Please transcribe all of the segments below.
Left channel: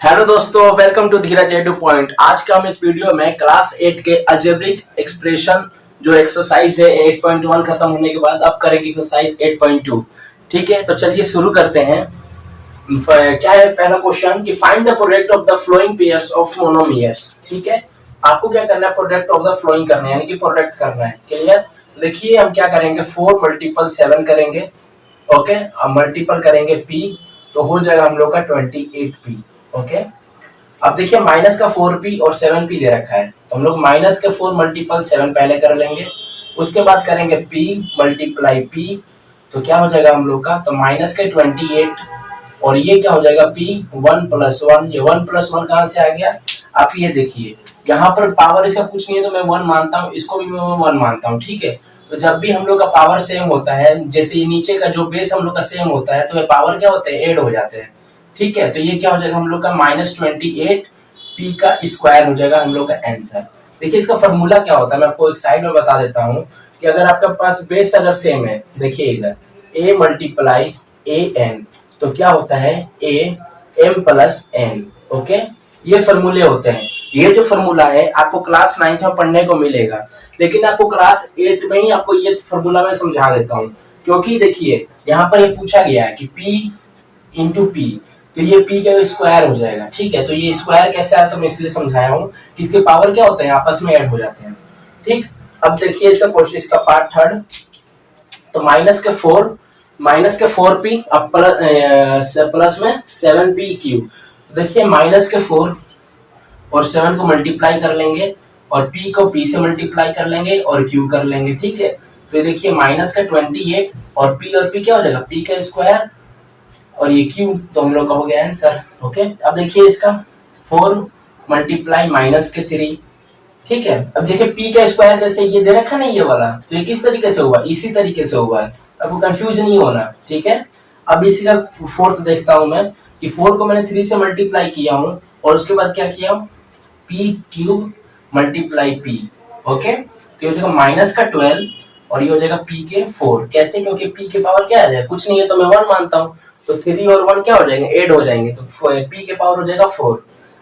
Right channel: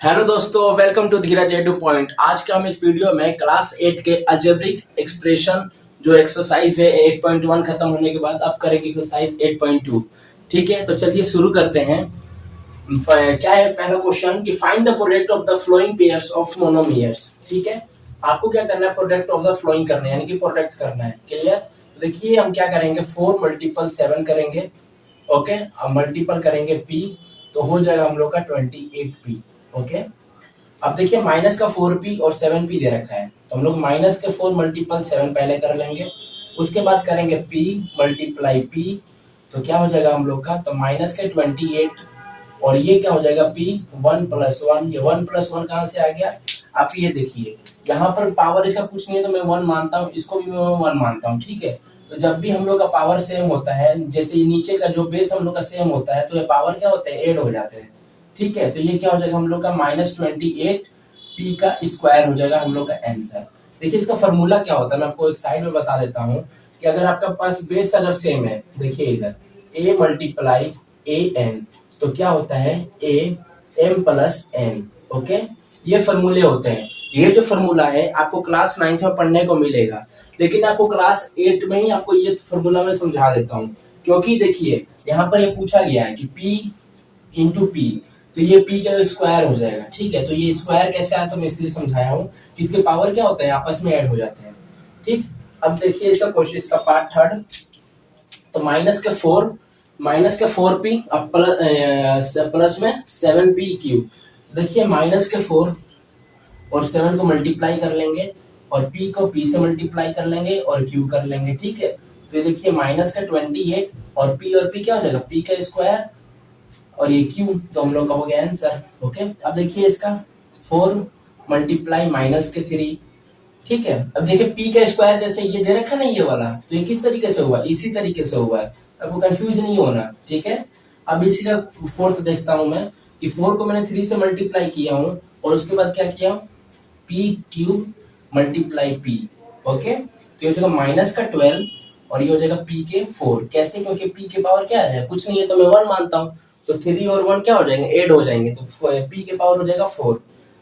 Hello दोस्तों, welcome to Dheeraj edu point. आज का हम इस वीडियो में क्लास 8 के अलजेब्रिक एक्सप्रेशन जो एक्सरसाइज है 8.1 खत्म होने के बाद अब करेंगे एक्सरसाइज 8.2। ठीक है, तो चलिए शुरू करते हैं। क्या है पहला क्वेश्चन कि find the product of the following pairs of monomials. ठीक है, आपको क्या करना है, प्रोडक्ट ऑफ द फ्लोइंग करना है, यानी कि प्रोडक्ट करना है। क्लियर? देखिए हम क्या करेंगे, 4 मल्टीपल 7 करेंगे। ओके, अब मल्टीपल करेंगे p, तो हो जाएगा हम लोग का 28p। ओके, अब देखिए माइनस का 4p और 7p दे रखा है, तो हम लोग माइनस के 4 मल्टीपल 7 पहले कर लेंगे, उसके बाद करेंगे p मल्टीप्लाई p, तो क्या हो जाएगा हम लोग का, तो माइनस के 28 और ये क्या हो जाएगा p 1 प्लस 1। ये 1 प्लस 1 कहां से आ गया, आप ये देखिए यहाँ पर पावर इसका कुछ नहीं है तो मैं 1 मानता हूँ, इसको भी मैं 1 मानता हूँ। ठीक है, तो जब भी हम लोग का पावर सेम होता है, जैसे ये नीचे का जो बेस हम लोग का सेम होता है, तो ये पावर क्या होते हैं, ऐड हो जाते हैं। ठीक है, तो ये क्या हो जाएगा हम लोग का -28 p का स्क्वायर हो जाएगा हम लोग का आंसर। देखिए इसका फॉर्मूला क्या होता है, मैं आपको एक साइड में बता देता हूँ कि अगर आपके पास बेस अगर सेम है, देखिए इधर a मल्टीप्लाई an, तो क्या होता है a m plus n। Okay, ये फॉर्मूले होते हैं। ये जो फॉर्मूला है आपको क्लास 9 में पढ़ने को मिलेगा, लेकिन आपको क्लास 8 में ही आपको ये फॉर्मूला मैं समझा देता हूँ, क्योंकि देखिए यहाँ पर ये पूछा गया है कि p इंटू पी, तो ये p का स्क्वायर हो जाएगा। ठीक है, तो ये स्क्वायर कैसे आया, तो मैं इसलिए समझाया हूँ कि इसके पावर क्या होते हैं, आपस में ऐड हो जाते हैं। ठीक, अब देखिए इसका क्वेश्चन, इसका पार्ट थर्ड, तो माइनस के 4p अब प्लस में 7p क्यूब। देखिए माइनस के 4 और 7 को मल्टीप्लाई कर लेंगे और p को p से मल्टीप्लाई कर लेंगे और q कर लेंगे। ठीक है, तो ये देखिए माइनस का 28 और p क्या हो जाएगा, p का स्क्वायर और ये q, तो हम लोग का हो गया आंसर। ओके, अब देखिए इसका 4 मल्टीप्लाई माइनस के 3। ठीक है, अब देखिए p का स्क्वायर जैसे ये दे रखा नहीं ये वाला, तो ये किस तरीके से हुआ, इसी तरीके से हुआ है, आपको कंफ्यूज नहीं होना। ठीक है, अब इसी का फोर्थ देखता हूं मैं कि 4 को मैंने 3 से मल्टीप्लाई किया हूं और उसके बाद क्या किया हूं, p cube multiply p। Okay, तो ये हो जाएगा माइनस का 12 और ये हो जाएगा p के 4। कैसे, क्योंकि p के पावर क्या आ जाएगा, कुछ नहीं है तो मैं 1 मानता हूँ, तो 3 और 1 क्या हो जाएंगे, ऐड हो जाएंगे, तो p के पावर हो जाएगा 4।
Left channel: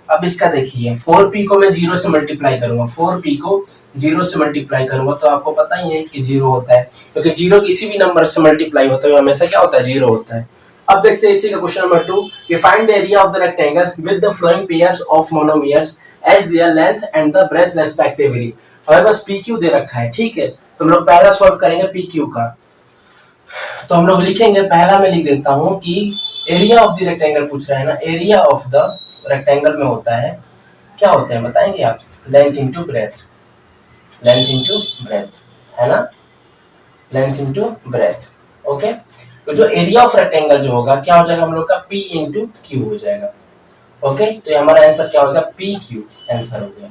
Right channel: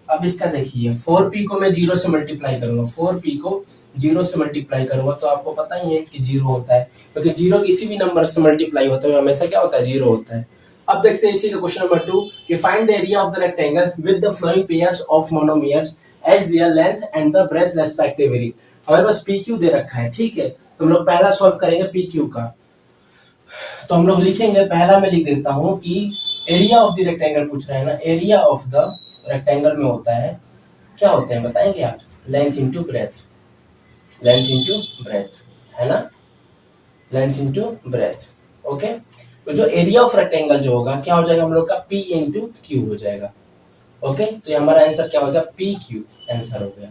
अब इसका देखिए 4p को मैं 0 से मल्टीप्लाई करूंगा, 4p को 0 से मल्टीप्लाई करूंगा, तो आपको पता ही है कि 0 होता है, क्योंकि 0 किसी भी नंबर से मल्टीप्लाई होता है हमेशा क्या होता है, 0 होता है। अब देखते हैं इसी का क्वेश्चन नंबर 2 कि find the area of the rectangle with the following pairs of monomials as their length and the breadth respectively. हमारे पास pq दे रखा है। ठीक है, तो हम लोग पहला सॉल्व करेंगे pq का, तो हम लोग लिखेंगे, पहला मैं लिख देता हूं कि एरिया ऑफ द रेक्टेंगल पूछ रहा है ना, एरिया ऑफ द रेक्टेंगल में होता है, क्या होते हैं बताएंगे आप, length into breath, length into breath, है ना, लेंथ इंटू ब्रेथ। ओके, तो जो एरिया ऑफ रेक्टेंगल जो होगा क्या हो जाएगा हम लोग का, p इंटू क्यू हो जाएगा। ओके, तो ये हमारा आंसर क्या होगा, पी क्यू आंसर हो गया।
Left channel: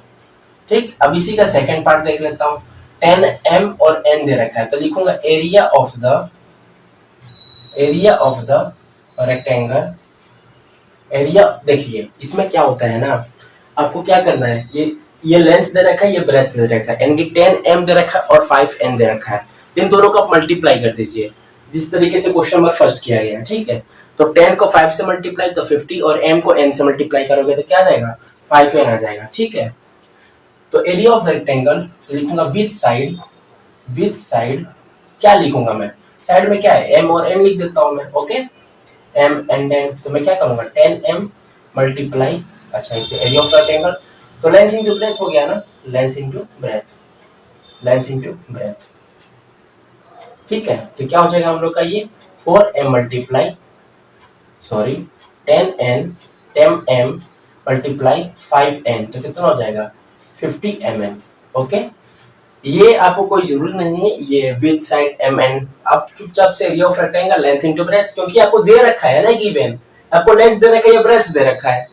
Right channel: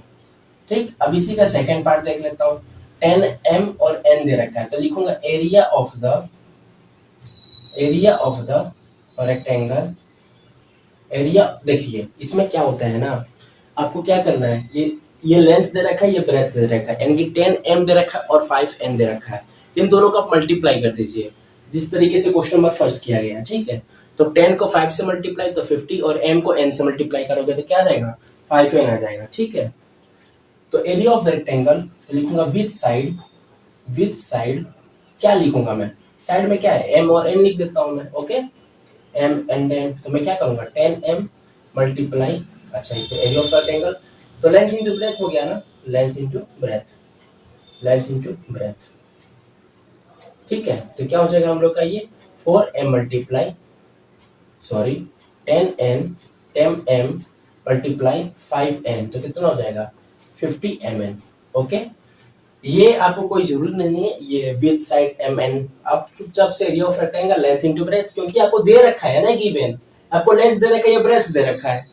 ठीक, अब इसी का सेकंड पार्ट देख लेता हूं, 10 m और n दे रखा है, तो लिखूंगा area of the rectangle. Area देखिए इसमें क्या होता है ना, आपको क्या करना है, ये लेंथ दे रखा है, ये ब्रेथ दे रखा है, यानी कि 10 m दे रखा है और 5 n दे रखा है, इन दोनों को आप मल्टीप्लाई कर दीजिए जिस तरीके से क्वेश्चन नंबर फर्स्ट किया गया है। ठीक है, तो 10 को 5 से मल्टीप्लाई तो 50 और m को n से मल्टीप्लाई करोगे तो क्या आ जाएगा, 5n आ जाएगा। ठीक है, तो एरिया ऑफ द रेक्टेंगल, तो लिखूंगा विथ साइड क्या लिखूंगा मैं, साइड में क्या है, m और n लिख देता हूं मैं। ओके, m एंड n, तो मैं क्या करूंगा 10m मल्टीप्लाई, अच्छा एरिया ऑफ द रेक्टेंगल, तो लेंथ इंटू ब्रेथ हो गया ना, length into breath, length into breath. ठीक है, तो क्या हो जाएगा हम लोग का ये 4m multiply, sorry 10m multiply 5n, तो कितना हो जाएगा 50 mn। ओके, ये आपको कोई जरूरत नहीं है ये विद साइड mn, आप चुपचाप से area of rectangle length into breath, क्योंकि आपको दे रखा है ना गिवन, आपको लेंथ दे रखा है या ब्रेथ दे रखा है,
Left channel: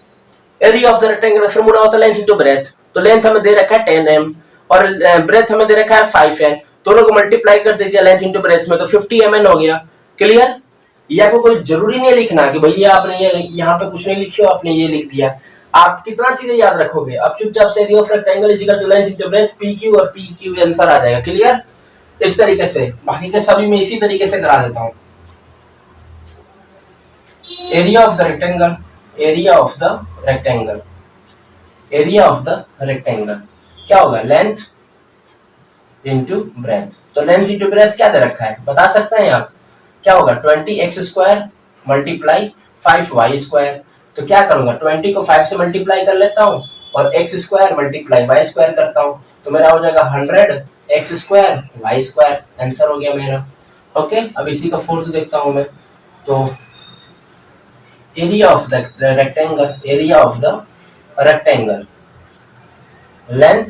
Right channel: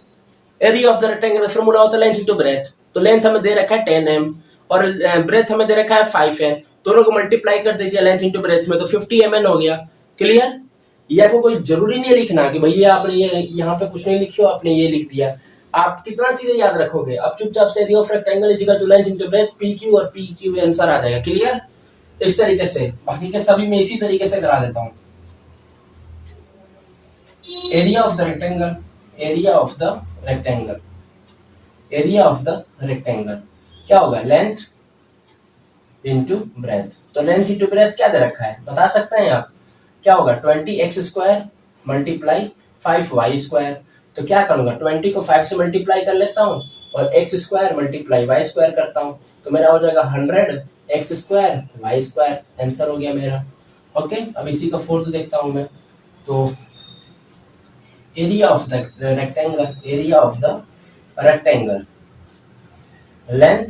area of the rectangle formula होता है लेंथ इनटू ब्रेथ, तो लेंथ हमें दे रखा है 10m और ब्रेथ हमें दे रखा है 5n, दोनों को मल्टीप्लाई कर दीजिए लेंथ इनटू ब्रेथ में, तो 50 mn हो गया। क्लियर, ये आपको कोई जरूरी नहीं लिखना कि भैया आपने ये यहाँ पे कुछ नहीं लिखी हो, आपने ये लिख दिया, आप कितना चीजें याद रखोगे, आप चुपचाप से area of rectangle is equal to length into breadth pq और pq आंसर आ जाएगा। क्लियर, इस तरीके से, बाकी के सभी मैं इसी तरीके से करा देता हूं। Area of the rectangle, area of the rectangle, area of the rectangle क्या होगा, लेंथ इंटू ब्रेथ। तो लेंथ इंटू ब्रेथ क्या दे रखा है बता सकते हैं आप, क्या होगा 20x² मल्टीप्लाई 5y²। तो क्या करूंगा 20 को 5 से मल्टीप्लाई कर लेता हूँ और x² मल्टीप्लाई y² करता हूँ, तो मेरा हो जाएगा 100x² y²। आंसर हो गया मेरा। ओके, अब इसी का फोर्थ देखता हूं मैं। तो area of the rectangle, area of the rectangle length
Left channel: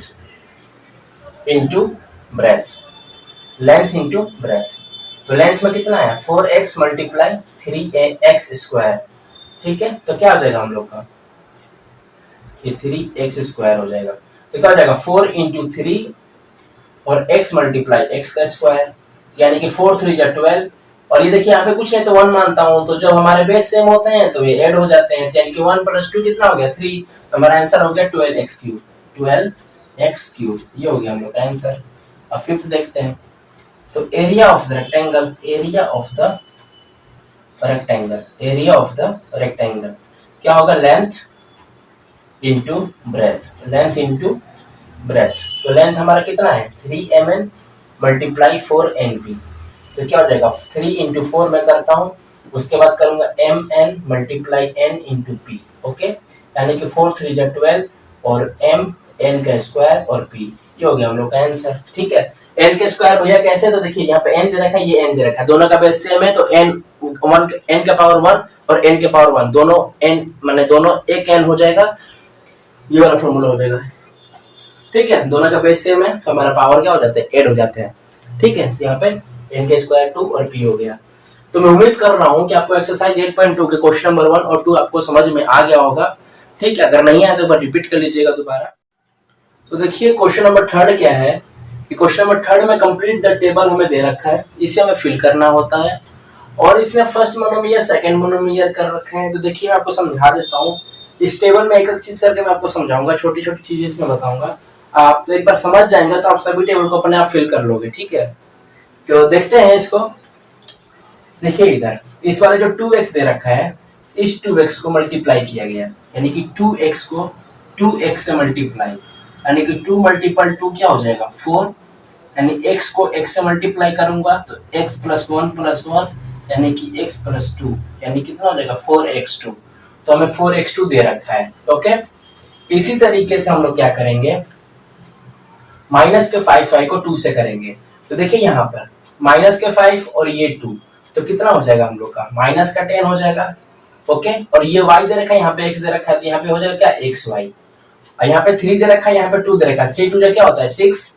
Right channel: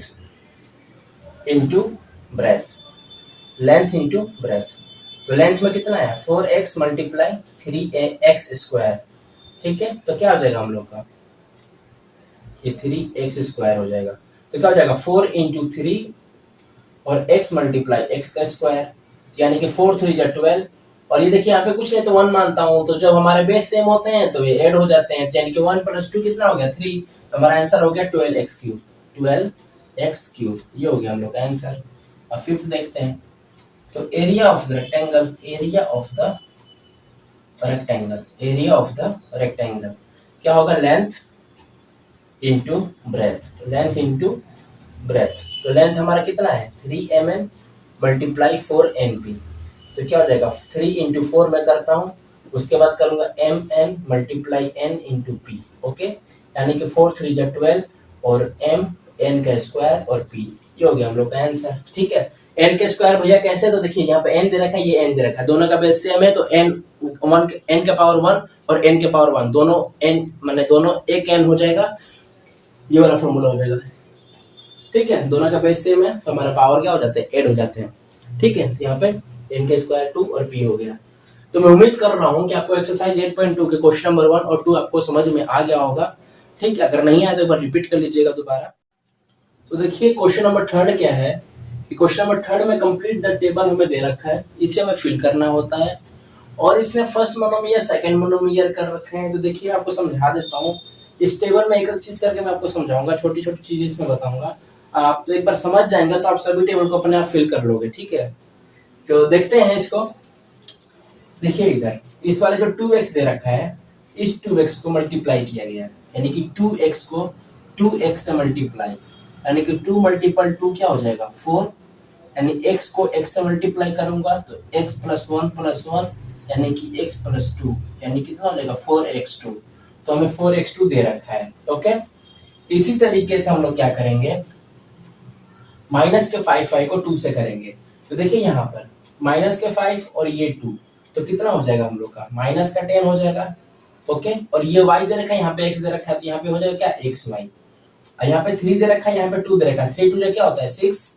into breath, length into breath. तो लेंथ में कितना है 4x मल्टीप्लाई 3x²। ठीक है, तो क्या हो जाएगा हम लोग का, ये 3x² हो जाएगा। तो क्या हो जाएगा 4 इंटू 3 और x मल्टीप्लाई x का स्क्वायर, यानी कि 4 3 जा 12। और ये देखिए यहाँ पे कुछ नहीं तो 1 मानता हूँ, तो जब हमारे बेस सेम होते हैं तो ये ऐड हो जाते हैं, यानी कि 1 + 2 कितना हो गया 3। तो हमारा आंसर हो गया 12x³, 12x³। ये हो गया हम लोग का आंसर। अब फिफ्थ देखते हैं। तो area of the rectangle, area of the rectangle, area of the rectangle क्या होगा, length into breath, length into breath. तो लेंथ हमारा कितना है 3 mm मल्टीप्लाई 4 NP। तो क्या हो जाएगा 3 इंटू 4 मैं करता हूँ, उसके बाद करूंगा MN multiply N into P। Okay, यानी कि 4 3 जा 12 और M N का स्क्वायर और P। ये हो गया हम लोग का आंसर। ठीक है, N के स्क्वायर भैया कैसे, तो देखिए यहाँ पे N दे रखा है, ये N दे रखा है, दोनों का बेस सेम है, तो N का पावर 1 और N के पावर 1 दोनों N माने दोनों एक N हो जाएगा, ये वाला फॉर्मूला हो जाएगा। ठीक है, दोनों का बेस सेम है तो हमारा पावर क्या हो जाते हैं, ऐड हो जाते हैं। ठीक है, तो यहाँ पे n के स्क्वायर 2 और p हो गया। तो मैं उम्मीद कर रहा हूँ कि आपको एक्सरसाइज 8.2 के क्वेश्चन नंबर 1 और 2 आपको समझ में आ गया होगा। ठीक है, अगर नहीं आया तो एक बार रिपीट कर लीजिएगा दोबारा। तो देखिए क्वेश्चन नंबर 3 क्या है कि क्वेश्चन नंबर 3 में कंप्लीट द टेबल हमें दे रखा है, इसे हमें फिल करना होता है और इसमें फर्स्ट मोनोमियर सेकंड मोनोमियर कर रखे हैं। तो देखिए मैं आपको समझा देता हूँ, इस टेबल में एक एक चीज करके मैं आपको समझाऊंगा, छोटी छोटी चीजें इसमें बताऊंगा, आप तो एक बार समझ जाएंगे तो आप सभी टेबल को अपने आप फिल कर लोगे। ठीक है, तो देखते हैं इसको। देखिए इधर इस वाले जो 2x दे रखा है, इस 2x को मल्टीप्लाई किया गया, यानी कि 2x को 2x से मल्टीप्लाई, यानी कि 2 × 2 क्या हो जाएगा 4, यानी x को x से मल्टीप्लाई करूंगा तो x + 1 + 1 यानी कि x + 2, यानी कितना हो जाएगा 4x2। तो हमें 4x2 दे रखा है। ओके, इसी तरीके से हम लोग क्या करेंगे, माइनस के 5 को 2 से करेंगे। तो देखिए यहाँ पर माइनस के 5 और ये 2, तो कितना हो जाएगा हम लोग का माइनस का 10 हो जाएगा। ओके, और ये y दे रखा है, यहाँ पे x दे रखा है, तो यहाँ पे हो जाएगा क्या xy, और यहाँ पे 3 दे रखा है, यहाँ पे 2 दे रखा है, 3 2 जा क्या होता है 6,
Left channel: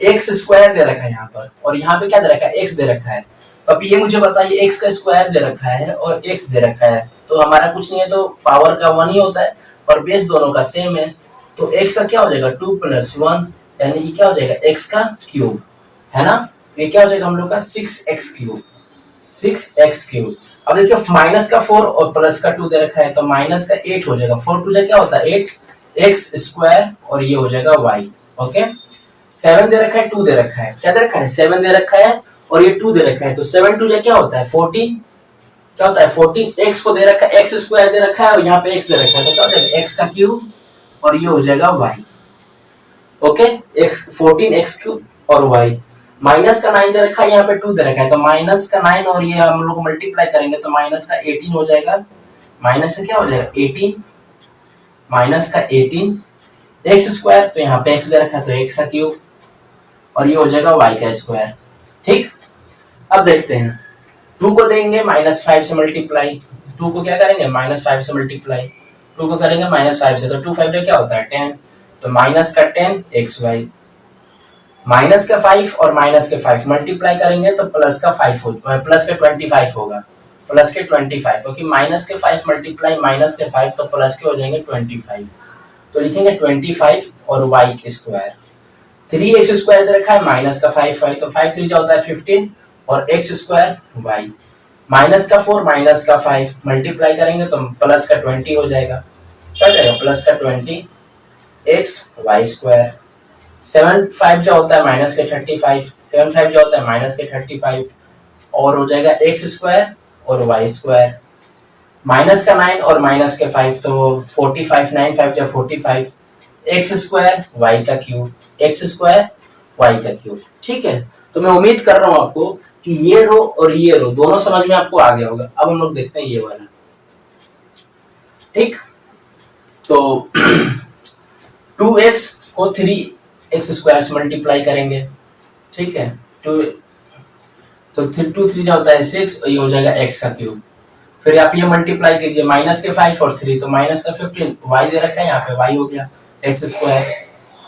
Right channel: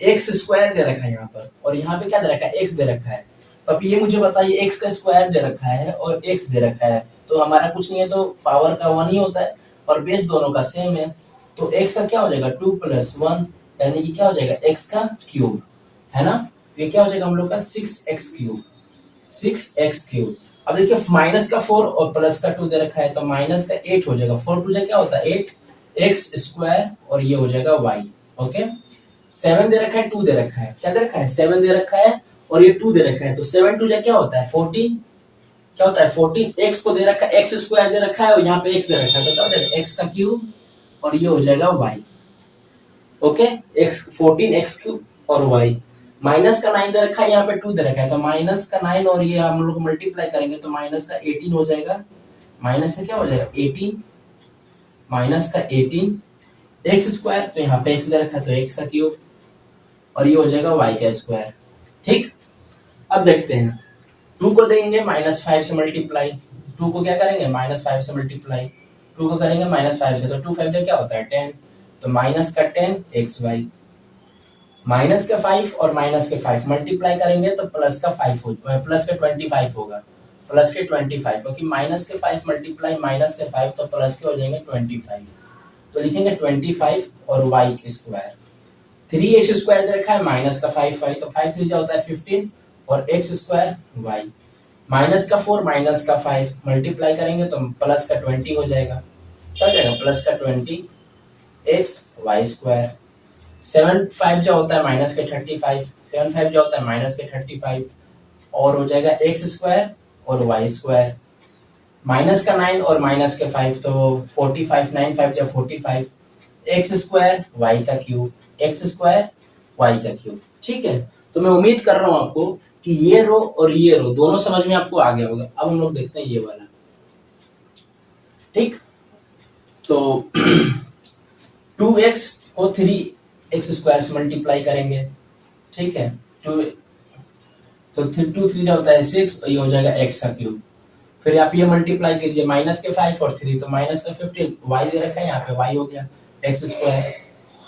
x² दे रखा है यहाँ पर, और यहाँ पे क्या दे रखा है x दे रखा है। अब ये मुझे बताइए x का स्क्वायर दे रखा है और x दे रखा है, तो हमारा कुछ नहीं है, तो पावर का 1 ही होता है और बेस दोनों का सेम है, तो x का क्या हो जाएगा 2 + 1 यानी कि क्या हो जाएगा x का क्यूब, है ना। तो ये क्या हो जाएगा हम लोग का 6x³, 6x³। अब देखिए माइनस का 4 और प्लस का 2 दे रखा है, तो माइनस का 8 हो जाएगा, 4 2 जा क्या होता है 8, x² और ये हो जाएगा y। ओके, 7 दे रखा है, 2 दे रखा है, क्या दे रखा है 7 दे रखा है और ये 2 दे रखा है, तो 7 2 जा क्या होता है 14, क्या होता है 14। x को दे रखा है, x² दे रखा है और यहाँ पे x दे रखा है, तो क्या हो जाएगा x का क्यूब और ये हो जाएगा y। ओके, x 14x³ और y। माइनस का 9 दे रखा है, यहाँ पे 2 दे रखा है, तो माइनस का 9 और ये हम लोग मल्टीप्लाई करेंगे तो माइनस का 18 हो जाएगा, माइनस से क्या हो जाएगा 18, माइनस का 18 x², तो यहाँ पे x दे रखा है तो x का क्यूब और ये हो जाएगा y का स्क्वायर। ठीक, अब देखते हैं 2 को देंगे -5 से मल्टीप्लाई, 2 को क्या करेंगे -5 से मल्टीप्लाई, 2 को करेंगे -5 से, तो 2 5 क्या होता है 10, तो माइनस का 10 xy, माइनस का 5 और माइनस के 5 मल्टीप्लाई करेंगे तो प्लस का 5 हो, प्लस का 25 होगा, प्लस के 25, क्योंकि माइनस के 5 मल्टीप्लाई माइनस के 5 तो प्लस के हो जाएंगे 25, तो लिखेंगे 25 और y के स्क्वायर। 3x² दे रखा है, माइनस का 5 5, तो 5 3 जा होता है 15 और x² y, माइनस का 4 माइनस का 5 मल्टीप्लाई करेंगे तो प्लस का 20 हो जाएगा, क्या हो जाएगा प्लस का 20 xy²। 7 5 जो होता है माइनस के 35, 7 5 जो होता है माइनस के 35 और हो जाएगा x² और y²। माइनस का 9 और माइनस के 5 तो 45, 9 5 जा 45, एक्स स्क्वायर वाई का क्यूब, एक्स स्क्वायर वाई का क्यूब। ठीक है, तो मैं उम्मीद कर रहा हूं आपको कि ये रो और ये रो दोनों समझ में आपको आ गया होगा। अब हम लोग देखते हैं ये वाला। ठीक, तो 2x को 3x स्क्वायर से मल्टीप्लाई करेंगे। ठीक है, टू तो 2 3 जो होता है 6 और ये हो जाएगा x का क्यूब। फिर आप ये मल्टीप्लाई कीजिए, माइनस के 5 और 3 तो माइनस का 15, y दे रखा है यहाँ पे, y हो गया x स्क्वायर।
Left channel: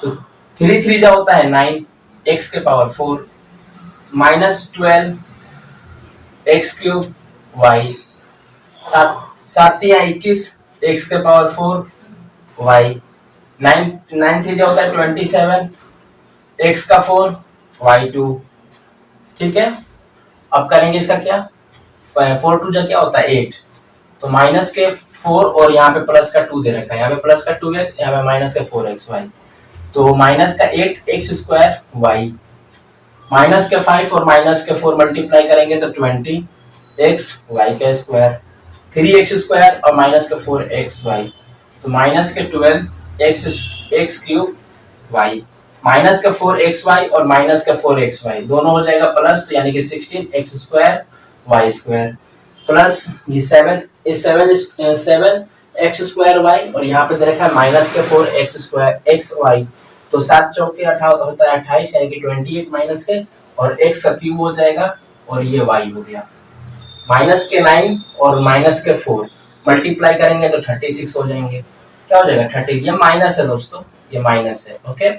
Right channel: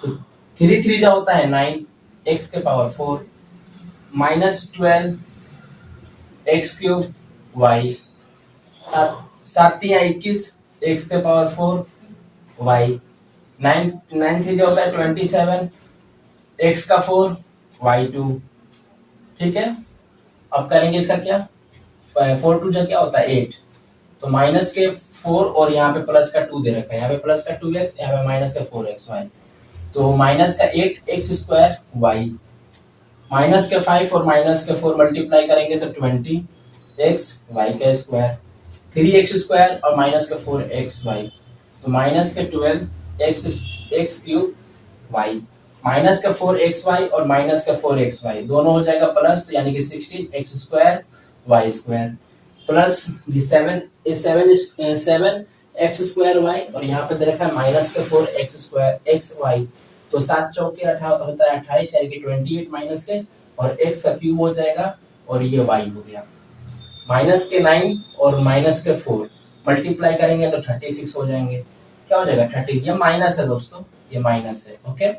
तो 3 3 जो होता है 9, x के power 4 minus 12 x cube y, 7 या 21 x के पावर 4 y, 9 9 3 जो होता है 27 x का 4 y2। ठीक है, अब करेंगे इसका क्या, 4 2 जा क्या होता है 8, तो माइनस के 4 और यहाँ पे प्लस का 2 दे रखा है, यहाँ पे प्लस का 2x, यहाँ पे माइनस का 4xy, तो माइनस का 8x स्क्वायर y, माइनस के 5 और माइनस के 4 मल्टीप्लाई करेंगे तो 20x y का स्क्वायर, 3x स्क्वायर और माइनस के 4xy, तो माइनस के 12x क्यूब y, माइनस का 4xy और माइनस का 4xy दोनों हो जाएगा प्लस, तो यानी कि 16x square y square, plus ये 7x स्क्वायर y और यहाँ पे दे रखा है माइनस के 4x स्क्वायर xy, तो 7 चौके 18 होता है 28, यानी कि 28 माइनस के और x का क्यूब हो जाएगा और ये y हो गया। माइनस के 9 और माइनस के 4 मल्टीप्लाई करेंगे तो 36 हो जाएंगे। क्या हो जाएगा 30, ये माइनस है दोस्तों, ये माइनस है। ओके,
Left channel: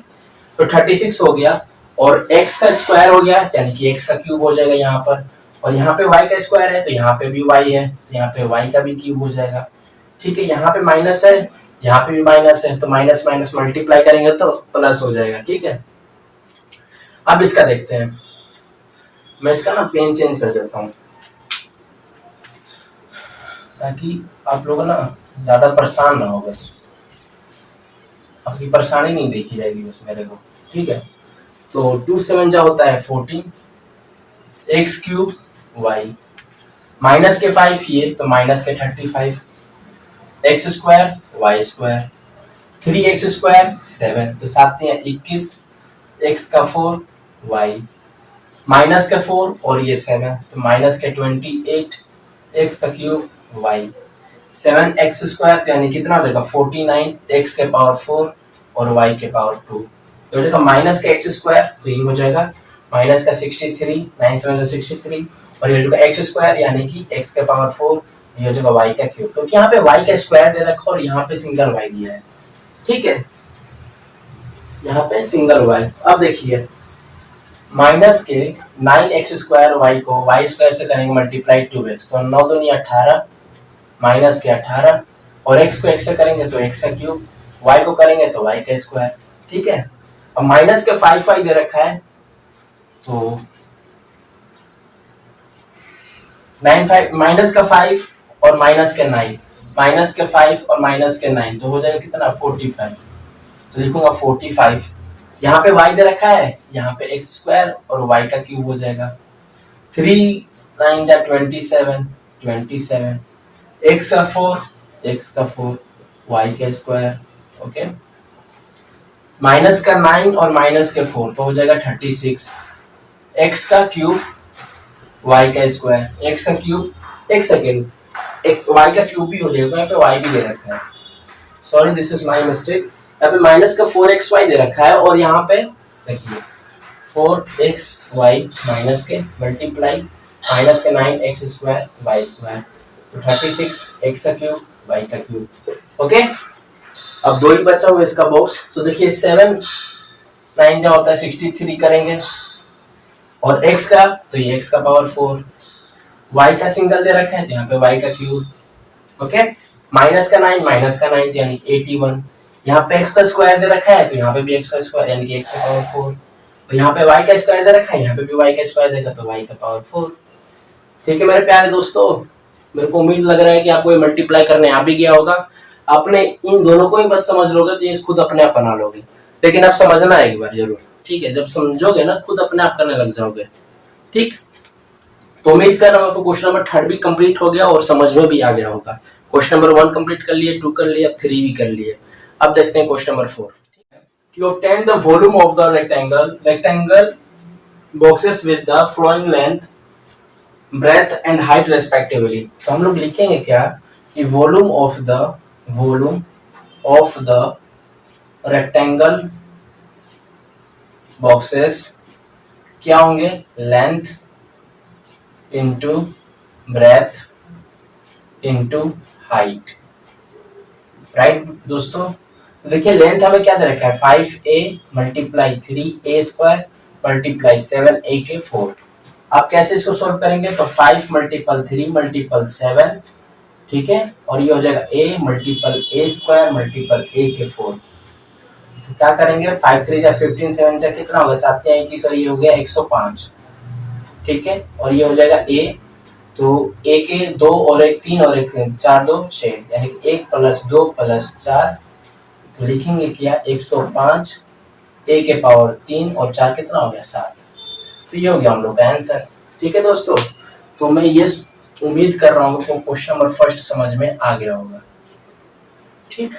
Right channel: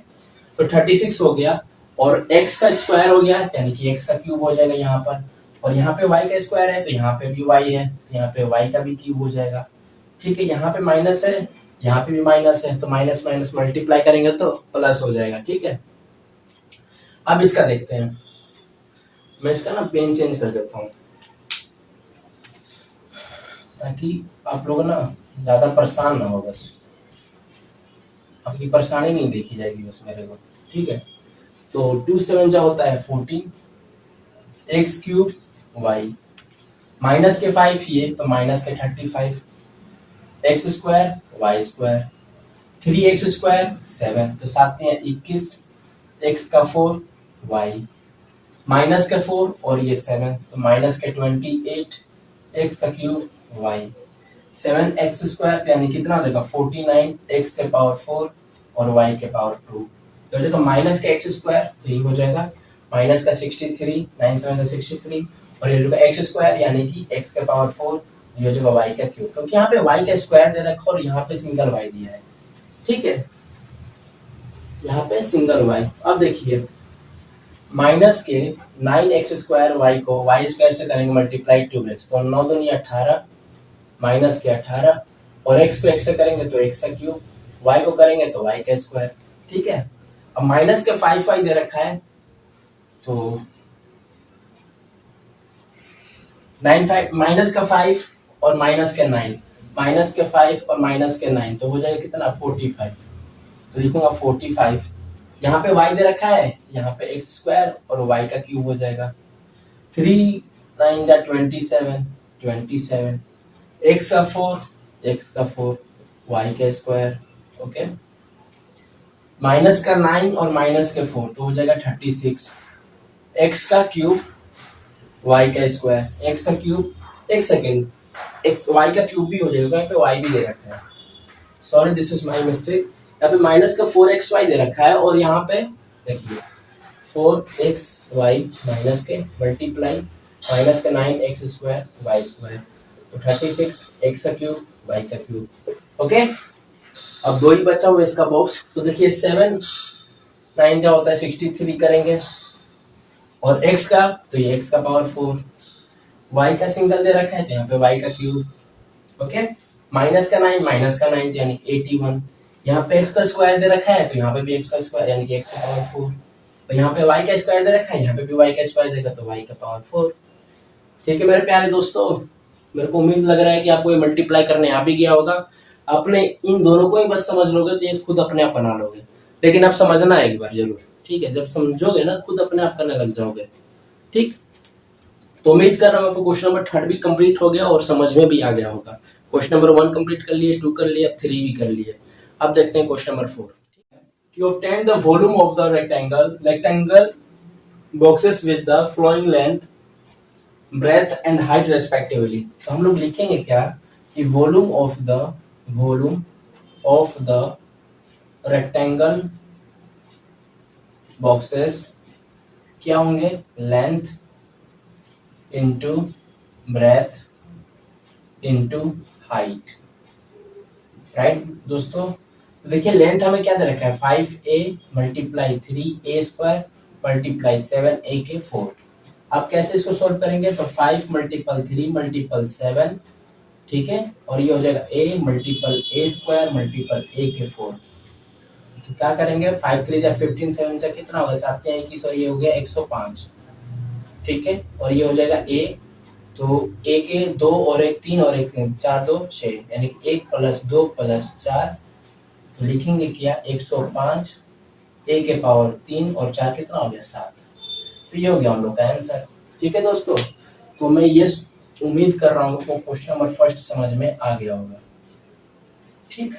तो 36 हो गया और x का स्क्वायर हो गया, यानी कि x का क्यूब हो जाएगा यहाँ पर, और यहाँ पे y का स्क्वायर है तो यहाँ पे भी y है, तो यहाँ पे y का भी क्यूब हो जाएगा। ठीक है, यहाँ पे माइनस है, यहाँ पे भी माइनस है, तो माइनस माइनस मल्टीप्लाई करेंगे तो प्लस हो जाएगा। ठीक है, अब इसका देखते हैं, मैं इसका ना पेन चेंज कर देता हूँ ताकि आप लोग ना ज्यादा परेशान ना हो, बस आपकी परेशानी नहीं देखी जाएगी बस मेरे को। ठीक है, तो 2 7 जा होता है 14 एक्स क्यूब वाई, माइनस के 5 ये तो माइनस के 35 x square y square, 3x square 7 तो 7 या 21 x का 4 y, माइनस का 4 और ये 7 तो माइनस के 28 x का क्यूब y, 7x स्क्वायर यानी कितना हो जाएगा 49 x के पावर 4 और y के पावर 2, तो हो जाएगा माइनस का x स्क्वायर, तो ये हो जाएगा माइनस का 63, 9 7 63 और ये हो जाएगा x स्क्वायर यानी कि x के पावर 4, ये हो जाएगा y का क्यूब, क्योंकि यहाँ पे y का स्क्वायर दे रखा और यहाँ पे सिंगल y दिया है। ठीक है, यहाँ पे सिंगल y। अब देखिए माइनस के 9x स्क्वायर y को y स्क्वायर से करेंगे मल्टीप्लाई 2x, तो 9 दूनी 18 माइनस के 18 और x को x से करेंगे तो x का क्यूब, y को करेंगे तो y का स्क्वायर। ठीक है, अब माइनस के 5y दे रखा है तो 9 5 माइनस का 5 और माइनस के 9, माइनस के 5 और माइनस के 9 तो हो जाएगा कितना 45, तो लिखूंगा 45, यहाँ पे y दे रखा है, यहाँ पे x स्क्वायर और y का क्यूब हो जाएगा, 3 9 जा 27 27 x का 4 y का स्क्वायर। ओके, माइनस का 9 और माइनस के 4 तो हो जाएगा 36 x का क्यूब y का स्क्वायर, x का क्यूब, एक सेकेंड x y का क्यूब भी हो जाएगा, यहाँ पे y भी दे रखा है, sorry this is my mistake, यहाँ पे माइनस का 4xy दे रखा है और यहाँ पे देखिए 4xy माइनस के मल्टीप्लाई माइनस के 9x स्क्वायर y स्क्वायर, तो 36 x का क्यूब y का क्यूब। ओके, अब दो ही बचा हुआ इसका बॉक्स, तो देखिए 7 9 जा होता है 63 करेंगे और x का तो ये x का पावर 4, y का सिंगल दे रखा है तो यहाँ पे y का क्यूब। ओके, माइनस का 9 यानी 81, यहाँ पे x का स्क्वायर दे रखा है तो यहाँ पे भी x का स्क्वायर यानी कि x का पावर 4, और यहाँ पे y का स्क्वायर दे रखा है, यहाँ पे भी y का स्क्वायर देगा तो y का पावर 4। ठीक है मेरे प्यारे दोस्तों, मेरे को उम्मीद लग रहा है कि आपको ये मल्टीप्लाई करने आ भी गया होगा, आपने इन दोनों को ही बस समझ लोगे तो ये खुद अपने आप बना लोगे, लेकिन आप समझना एक बार जरूर। ठीक है, जब समझोगे ना खुद अपने आप करने लग जाओगे। ठीक, तो उम्मीद कर रहा हूँ आपको क्वेश्चन नंबर 3 भी कंप्लीट हो गया और समझ में भी आ गया होगा। क्वेश्चन नंबर 1 कंप्लीट कर लिए, 2 कर लिए, अब 3 भी कर लिए। अब देखते हैं क्वेश्चन नंबर 4। कि obtain the volume of the rectangle boxes with the flowing length, breadth and height respectively। तो हम लोग लिखेंगे क्या कि volume of the rectangle boxes क्या होंगे, length into breadth into height, right दोस्तों। तो देखिए लेंथ हमें क्या दे रखा है, 5a multiply 3a square multiply 7a के 4। आप कैसे इसको सॉल्व करेंगे, तो 5 मल्टीपल 3 मल्टीपल 7, ठीक है, और ये हो जाएगा a multiple a square multiple a के 4। तो क्या करेंगे, 5 3 जा 15, 7 जा कितना होगा, 7 या 21, और ये हो गया 105, ठीक है, और ये हो जाएगा a। तो a के 2 और 1 3 और 1 4 2 6, यानी कि 1 प्लस 2 प्लस 4, तो लिखेंगे क्या 105 a के पावर 3 और 4 कितना हो गया 7। तो ये हो गया हम लोग का आंसर, ठीक है दोस्तों। तो मैं ये उम्मीद कर रहा हूँ कि क्वेश्चन नंबर फर्स्ट समझ में आ गया होगा। ठीक,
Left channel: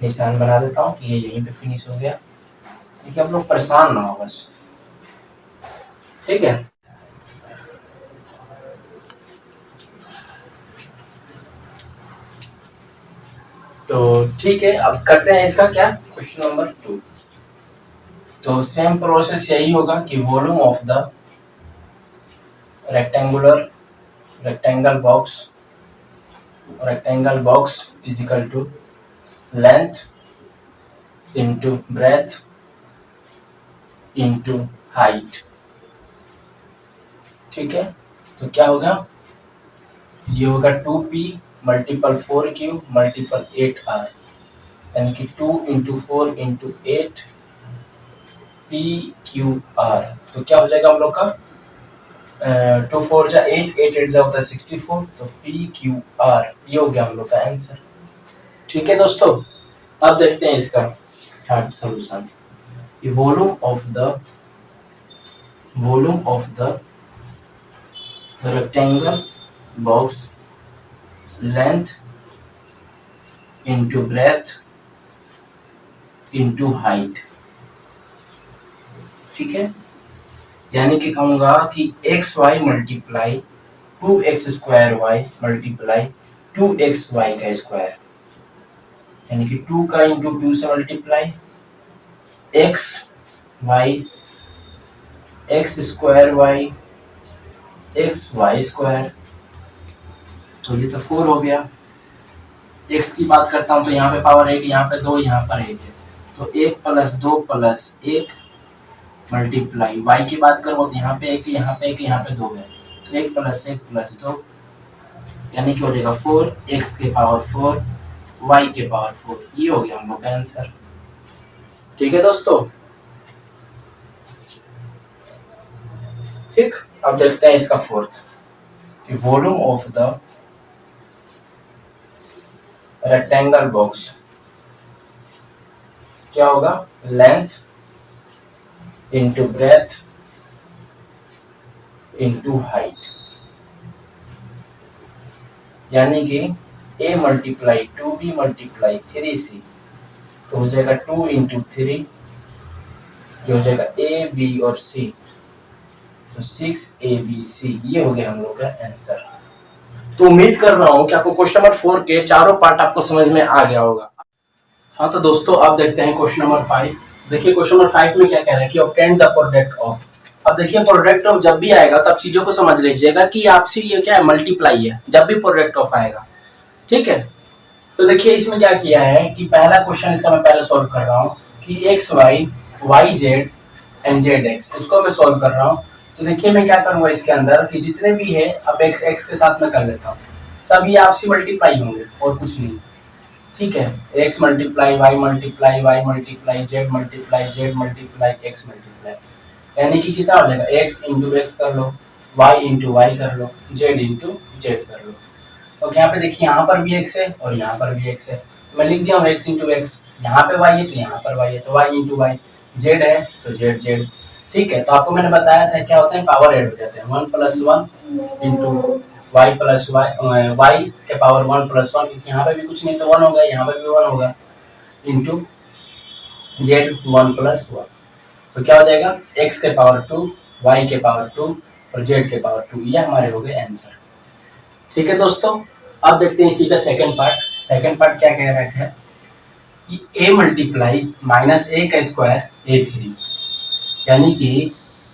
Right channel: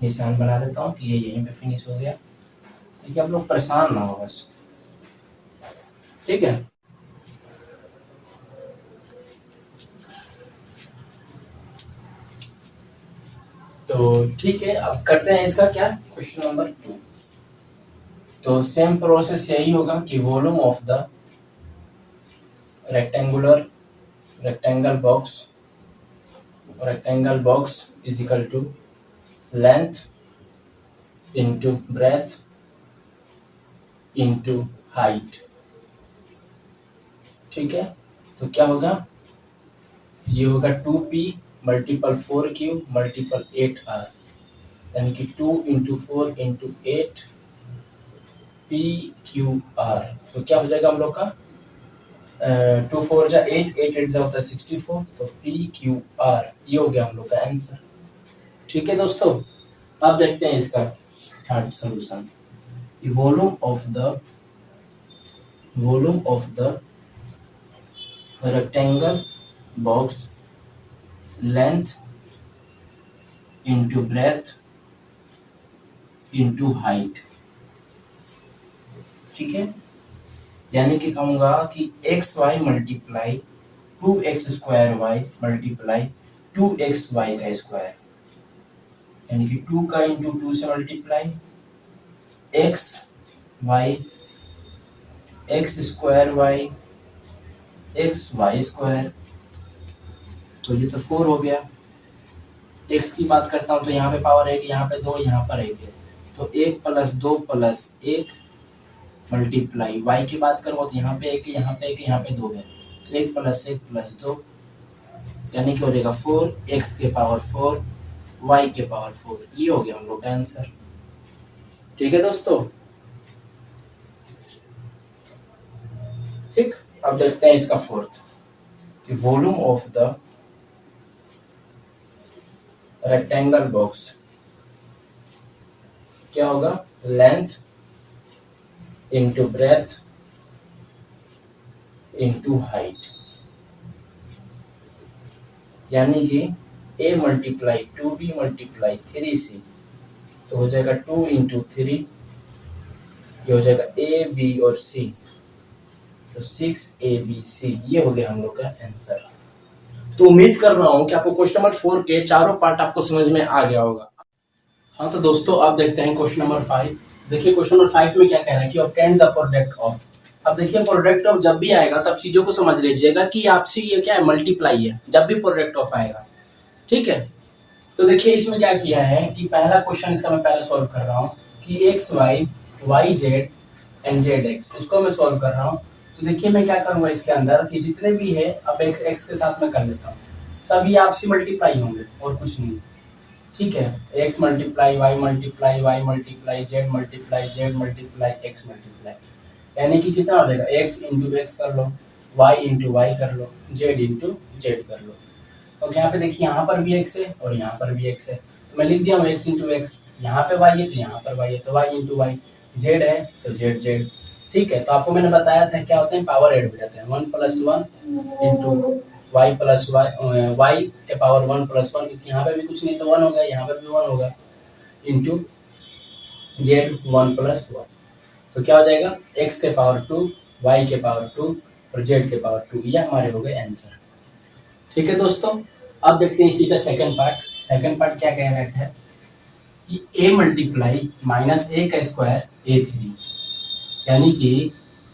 निशान बना देता हूँ कि ये यहीं पे फिनिश हो गया, ठीक है, आप लोग परेशान ना हो बस, ठीक है। तो ठीक है, अब करते हैं इसका क्या, क्वेश्चन नंबर 2। तो सेम प्रोसेस यही होगा कि volume of the rectangle box is equal to length into breadth into height, ठीक है। तो क्या होगा, ये होगा 2p multiple 4q multiple 8r, यानी कि 2 इंटू 4 इंटू 8 pqr। तो क्या हो जाएगा हम लोग का, 2 4 जा 8, 8 8 जा होता है 64, तो pqr ये हो गया हम लोग का आंसर, ठीक है दोस्तों। अब देखते हैं इसका third solution. Volume of the rectangle box length into breadth into height, ठीक है, यानी कि कहूंगा कि x y multiply 2x square y multiply 2x y का स्क्वायर, यानी कि 2 का इंटू 2 से multiply x y x square y x y square, तो ये तो 4 हो गया। x की बात करता हूं तो यहाँ पे पावर 1, यहाँ पे 2, यहाँ पर 1 है, तो 1 प्लस 2 प्लस 1 मल्टीप्लाई y की बात करूँ तो यहाँ पे 1, यहाँ पे 1, यहाँ पे 2 है, तो 1 प्लस 1 प्लस 2, यानी कि हो जाएगा 4, x के पावर 4 y के पावर 4, ये हो गया हम लोग का आंसर, ठीक है दोस्तों। ठीक, अब देखते हैं इसका fourth, volume of the rectangle box क्या होगा, length into breadth into height, यानी कि a multiply 2b multiply 3c, तो हो जाएगा 2 इंटू 3, ये हो जाएगा a b और c, तो 6abc, ये हो गया हम लोग का आंसर। तो उम्मीद कर रहा हूं कि आपको क्वेश्चन नंबर 4 के चारों पार्ट आपको समझ में आ गया होगा। हाँ तो दोस्तों अब देखते हैं क्वेश्चन नंबर 5। देखिए क्वेश्चन नंबर 5 में क्या कह रहा है कि ऑब्टेन द प्रोडक्ट ऑफ। अब देखिए प्रोडक्ट ऑफ जब भी आएगा तो आप चीजों को समझ लीजिएगा कि आपसी ये क्या है, मल्टीप्लाई है जब भी प्रोडक्ट ऑफ आएगा, ठीक है। तो देखिए इसमें क्या किया है कि पहला क्वेश्चन इसका मैं पहले सॉल्व कर रहा हूँ कि x y y z and z x, इसको मैं सॉल्व कर रहा हूँ। तो देखिए मैं क्या करूंगा इसके अंदर कि जितने भी है अब एक्स के साथ में कर लेता हूँ, सब ये आपसी मल्टीप्लाई होंगे और कुछ नहीं, ठीक है। X multiply y multiply z multiply x multiply, यानी कि कितना हो जाएगा, एक्स इंटू एक्स कर लो, वाई इंटू वाई कर लो, जेड इंटू जेड कर लो। और यहाँ पे देखिए यहाँ पर भी एक्स है और यहाँ पर भी एक्स है, तो मैं लिख दिया एक्स इंटू एक्स, यहाँ पे वाई है तो यहाँ पर वाई है, तो वाई इंटू वाई, जेड है तो जेड जेड, ठीक है, तो आपको मैंने बताया था क्या होते हैं, पावर ऐड हो जाते हैं, 1 + 1 इंटू वाई प्लस वाई के पावर 1 + 1, क्योंकि यहाँ पे भी कुछ नहीं तो 1 होगा, यहाँ पे भी 1 होगा, इंटू जेड 1 + 1। तो क्या हो जाएगा, x के पावर 2, y के पावर 2 और z के पावर 2, ये हमारे हो गए आंसर। ठीक है दोस्तों, अब देखते हैं इसी का सेकंड पार्ट। सेकंड पार्ट क्या कह रहा है कि a मल्टीप्लाई माइनस a का स्क्वायर a3, यानी कि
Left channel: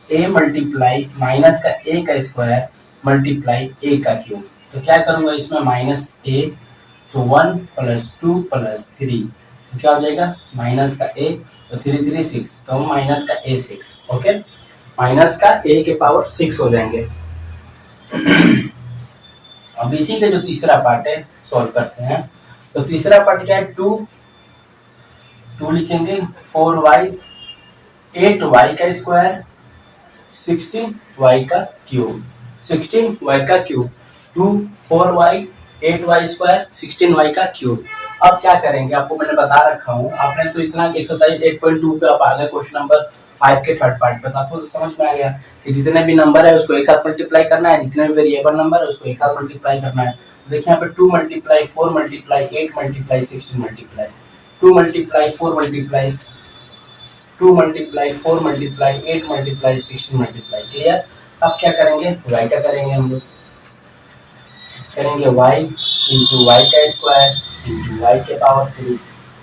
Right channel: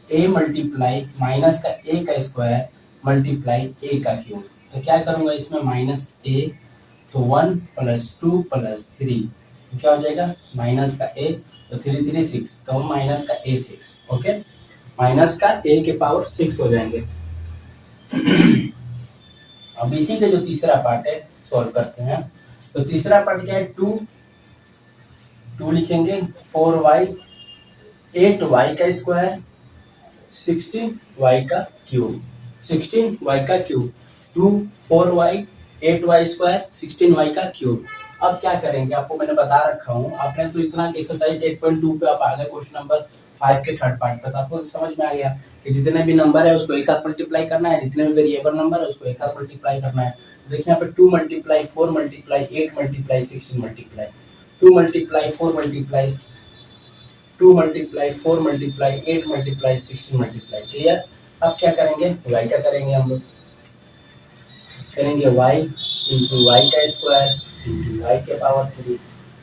a मल्टीप्लाई माइनस का a का स्क्वायर मल्टीप्लाई a का क्यूब। तो क्या करूंगा इसमें, माइनस a, तो 1 + 2 + 3, तो क्या हो जाएगा, माइनस का a, तो 3 3 6, तो माइनस का a 6, ओके, माइनस का a के पावर 6 हो जाएंगे। अब इसी का जो तीसरा पार्ट है सॉल्व करते हैं। तो तीसरा पार्ट क्या है, 2 लिखेंगे, 4y 8y का स्क्वायर 16y का क्यूब, 16y का cube, 2 4y 8y square 16y का क्यूब। अब क्या करेंगे, आपको मैंने बता रखा हूँ, आपने तो इतना एक्सरसाइज 8.2 पे आप आ गए क्वेश्चन नंबर 5 के थर्ड पार्ट पे, तो आपको तो समझ में आ गया कि जितने भी नंबर है उसको एक साथ मल्टीप्लाई करना है, जितने भी वेरिएबल नंबर है उसको एक साथ मल्टीप्लाई करना है। देखिए यहाँ पे 2 × 4 × 8 × 16 मल्टीप्लाई, 2 × 4 × 2 × 4 × 8 × 16 मल्टीप्लाई, क्लियर। अब क्या करेंगे, y का करेंगे हम लोग, करेंगे y इंटू वाई का स्क्वायर इंटू वाई के पावर 3।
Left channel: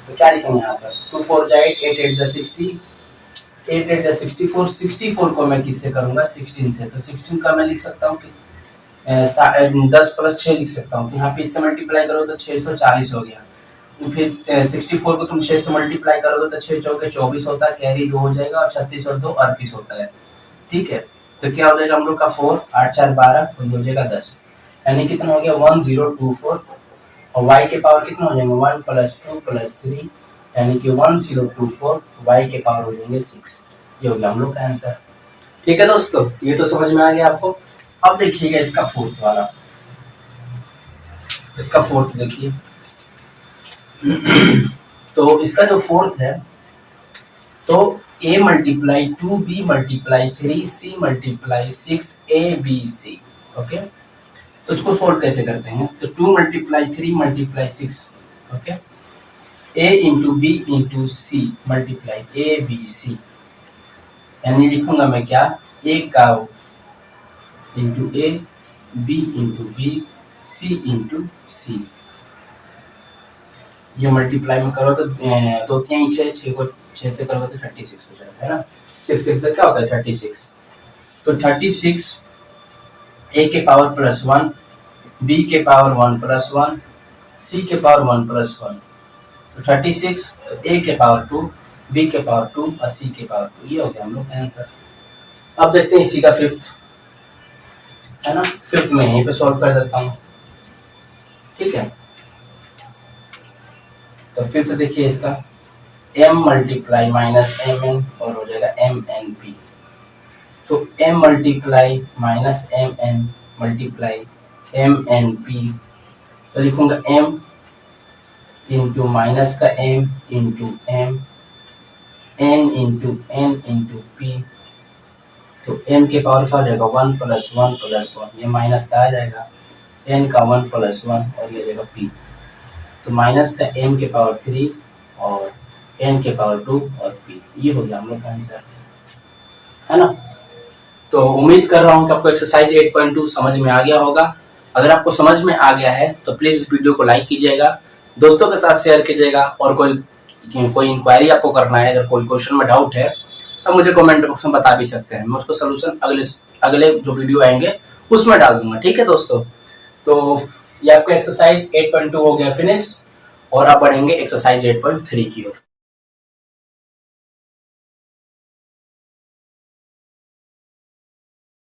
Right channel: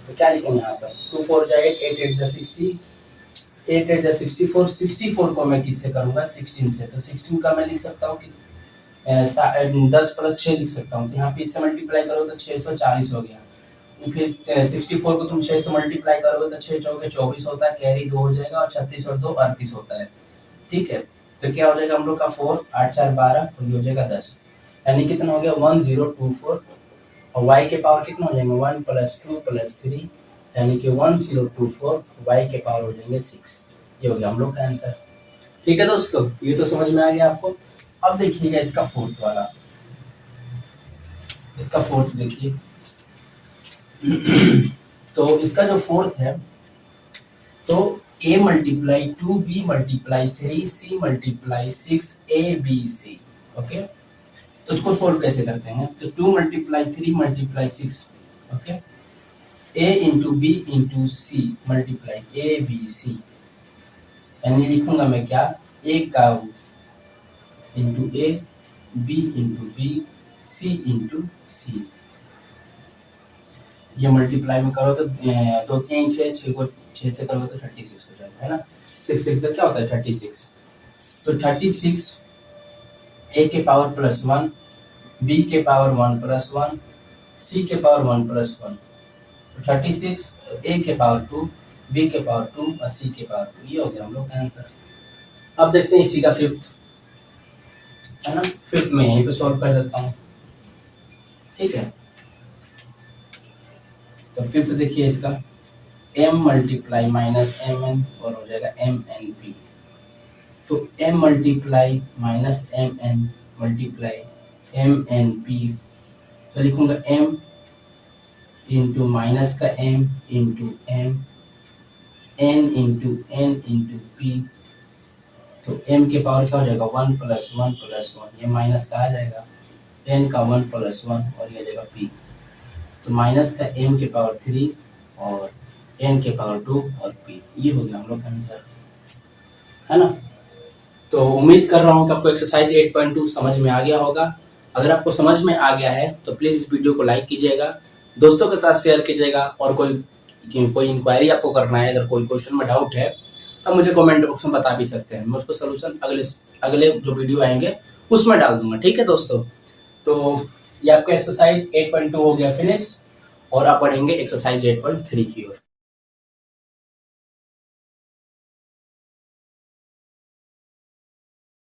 तो क्या लिखेंगे यहाँ पर, 2 4 जा 8, 8 8 जा 60, 8 8 जा 64, 64 को मैं किससे करूंगा, 16 से। तो 16 का मैं लिख सकता हूँ कि 10 + 6 लिख सकता हूँ, तो यहाँ पे इससे मल्टीप्लाई करो तो 640 हो गया। तो फिर 64 को तुम 6 से मल्टीप्लाई करोगे तो 6 चौके 24 होता है, कैरी 2 हो जाएगा, और 36 और 2 38 होता है। ठीक है, तो क्या हो जाएगा हम लोग का 4 8 4 12, तो ये हो जाएगा 10, यानी कितना हो गया 1024, और y के पावर कितना हो जाएंगे, 1 + 2 + 3, यानी कि 1024, y के पावर हो जाएंगे 6। ये हो गया हम लोग का आंसर। ठीक है दोस्तों, ये तो समझ में आ गया आपको। अब देखिएगा इसका फोर्थ वाला, इसका फोर्थ देखिए। तो इसका जो फोर्थ है, तो a × 2 b × 3 c × 6 a b c, okay. तो इसको सोल्व कैसे करते हैं, तो 2 × 3 × 6, okay, a × b × c × a b c, यानी लिखूंगा मैं क्या, a का into a, b × b, c × c। ये मल्टीप्लाई में करो तो 2 3 6, 6 को 6 से करोगे तो 36 हो जाएगा, है ना। 6 6 से क्या होता है 36, तो 36 a के पावर +1, b के पावर 1 + 1, c के पावर 1 + 1, तो 36 a के पावर 2, b के पावर 2 और c के पावर 2, ये हो गया हम लोग का आंसर। अब देखते हैं इसी का फिफ्थ, है ना, फिफ्थ में यहीं पे सॉल्व कर देता हूँ। ठीक है, तो फिफ्थ देखिए इसका, m × -mn और हो जाएगा mnp। तो m × -mn × mnp, तो लिखूंगा m इंटू माइनस का m into m, n into n into p। तो m के पावर क्या हो जाएगा 1 + 1 + 1, ये माइनस का आ जाएगा, n का 1 + 1 और ये आ जाएगा p। तो माइनस का m के पावर 3 और n के पावर 2 और p, ये हो गया हम लोग का आंसर, है ना। तो उम्मीद कर रहा हूँ कि आपको एक्सरसाइज 8.2 समझ में आ गया होगा। अगर आपको समझ में आ गया है तो प्लीज इस वीडियो को लाइक कीजिएगा, दोस्तों के साथ शेयर कीजिएगा, और कोई इंक्वायरी आपको करना है, अगर कोई क्वेश्चन में डाउट है तो मुझे कमेंट बॉक्स में बता भी सकते हैं, मैं उसको सोल्यूशन अगले जो वीडियो आएंगे उसमें डाल दूंगा। ठीक है दोस्तों, तो ये आपका एक्सरसाइज 8.2 हो गया फिनिश, और अब बढ़ेंगे एक्सरसाइज 8.3 की ओर।